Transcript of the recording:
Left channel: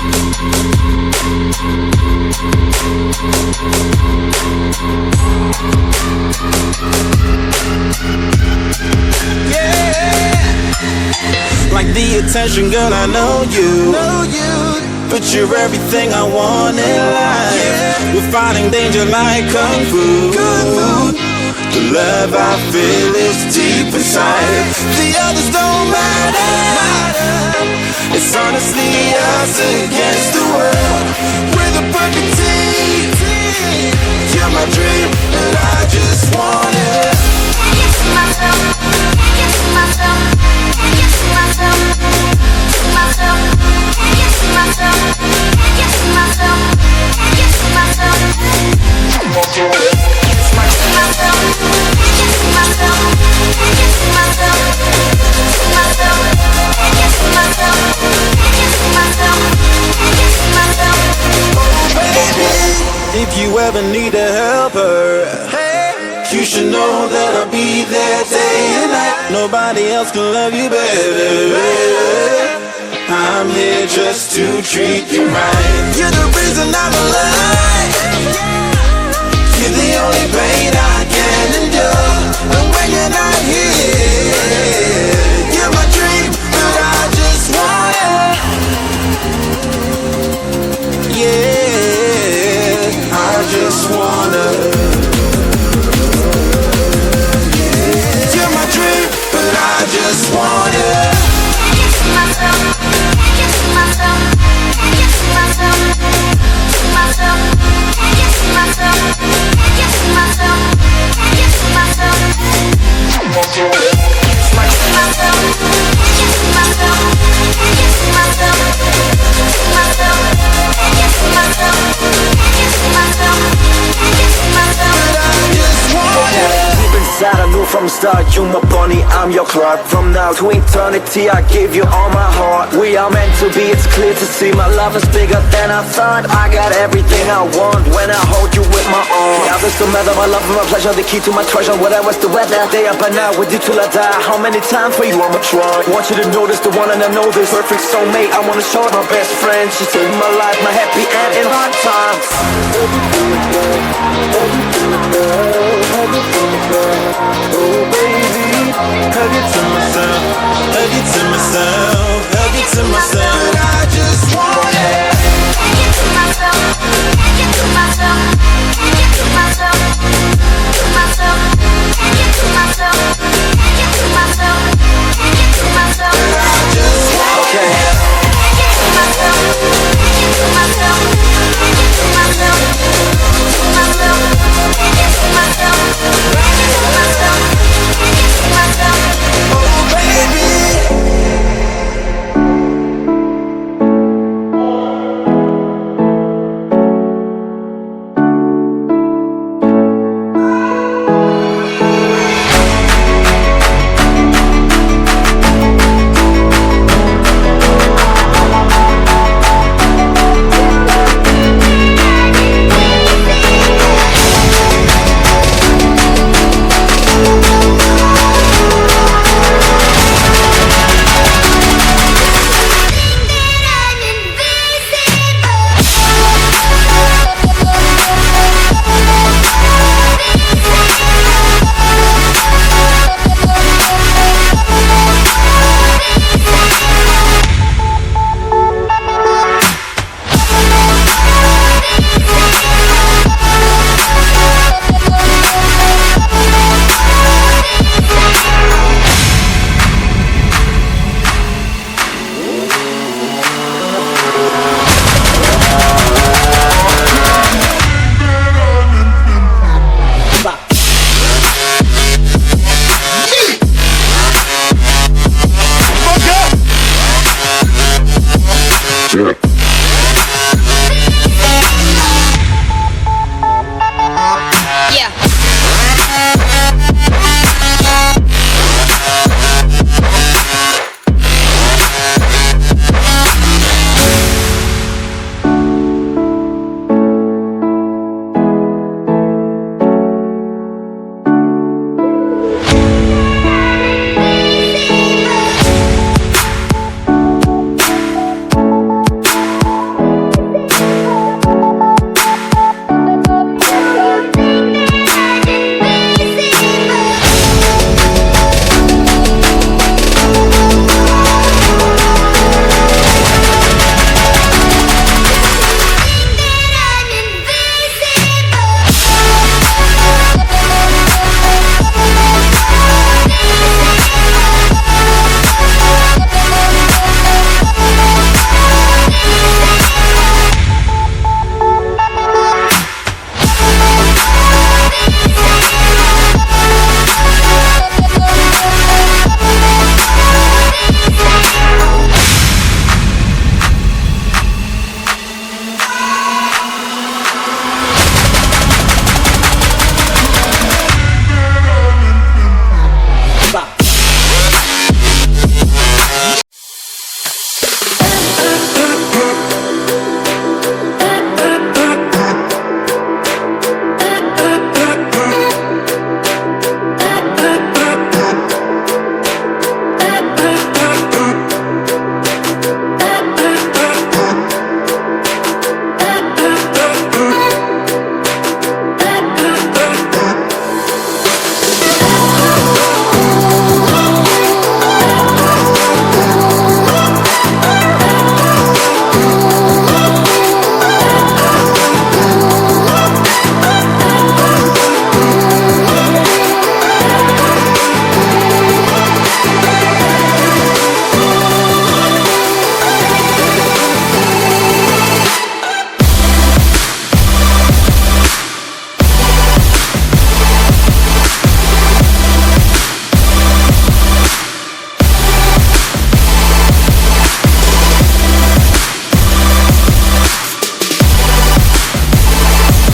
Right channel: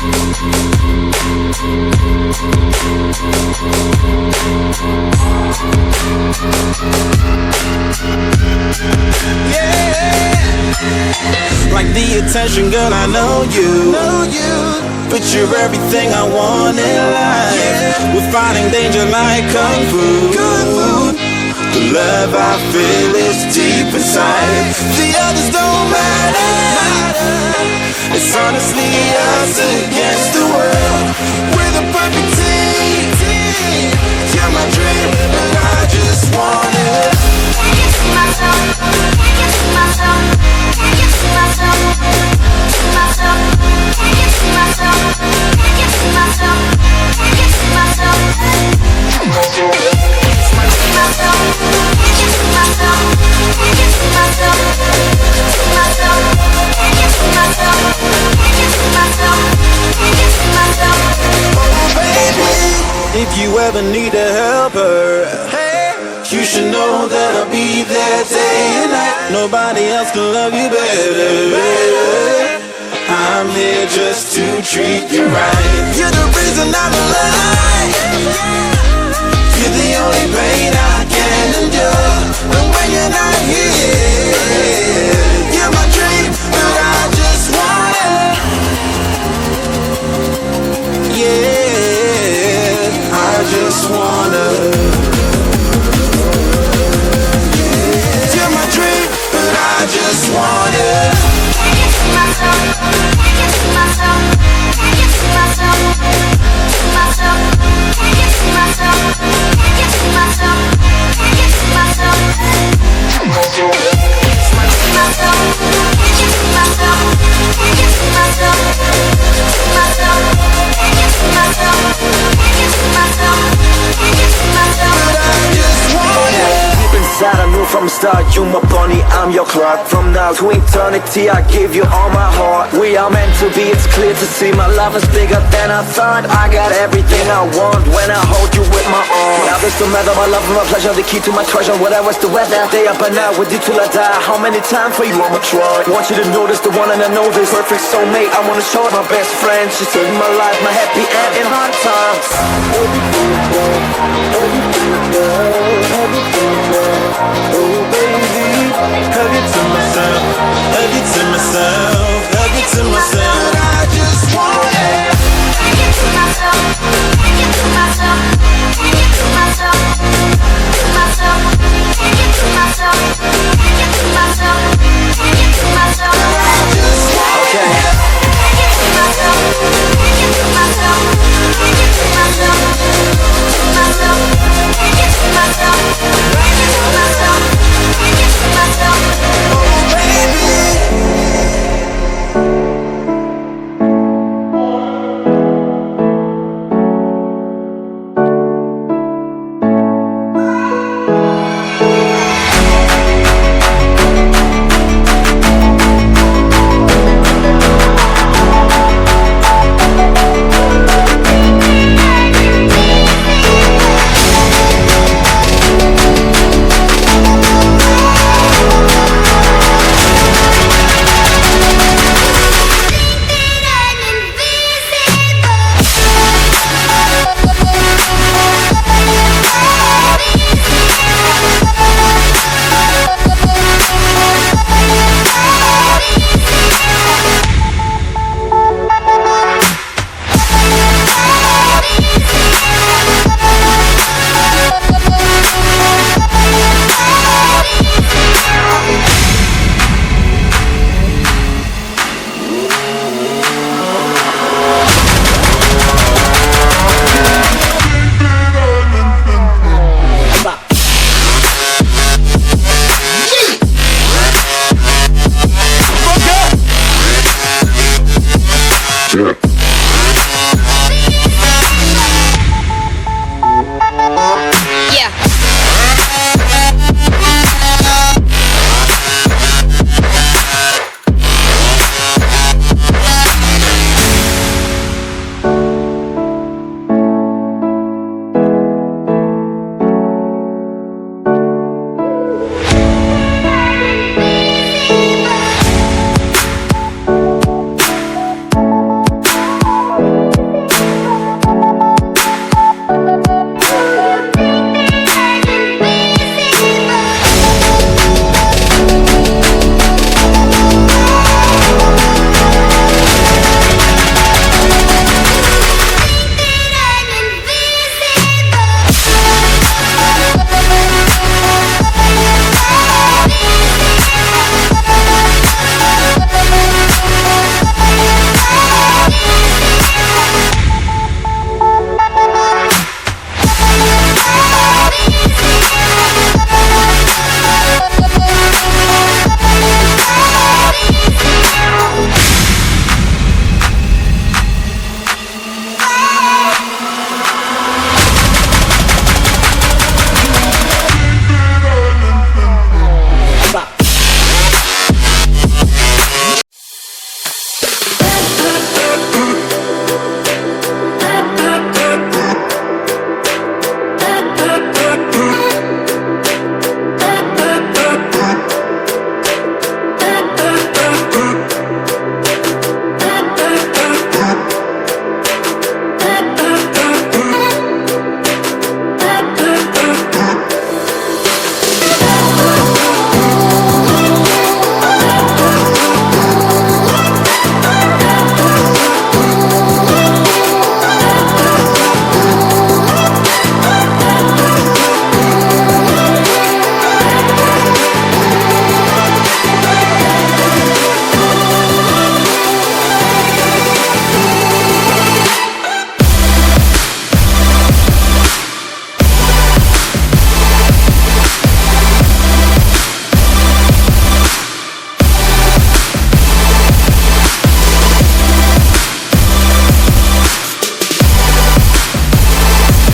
Like the attention, girl, I know you. But you're everything I want in life. We're fighting danger like Kung Fu. The love I feel is deep inside. The others don't matter. It's honestly us against the world. We're the perfect team. You're my dream, and I just want it. Can't get to myself. Can't get to myself. Can't get to myself. To myself. Can't get to myself. Can't get to myself. Can't get to myself. To myself. Can't get to myself. Can't get to myself. To myself. Can't get to myself. Can't get to myself. Can't get to myself. Oh baby, if you ever need a helper, you should know that I'll be there day and night. Nobody else can love you better. I'm here just to treat you right. You're the reason I'm alive. You're the only pain I can endure. And when you're not here, you're my dream, but I just want it. Yeah, I just wanna. I just want it. Can't get to myself. Can't get to myself. Can't get to myself. To myself. Can't get to myself. Can't get to myself. Can't get to myself. To myself. To myself. Can't get to myself. Can't get to myself. To myself. Can't get to myself. Can't get to myself. Can't get to myself. But I just want it. Inside I knew from the start, you my bunny, I'm your Clark. From now to eternity, I give you all my heart. We are meant to be, it's clear to see. My love is bigger than I thought. I got everything I want when I hold you with my arms. The others don't matter, my love and my pleasure, the key to my treasure. Whatever's the weather, day up and out with you till I die. How many times for you I'ma try? Want you to notice the one and I know this. Perfect soulmate, I wanna show it. My best friend, she saved my life, my happy end in hard times. Oh baby, hug it to myself, hug it to myself, hug it to myself. I just want it. Can't get to myself, can't get to myself, can't get to myself, to myself, can't get to myself, can't get to myself, can't get to myself. I just want it. Can't get to myself, can't get to myself, can't get to myself, to myself, can't get to myself. Myself, can't get to myself. Oh baby. Yeah.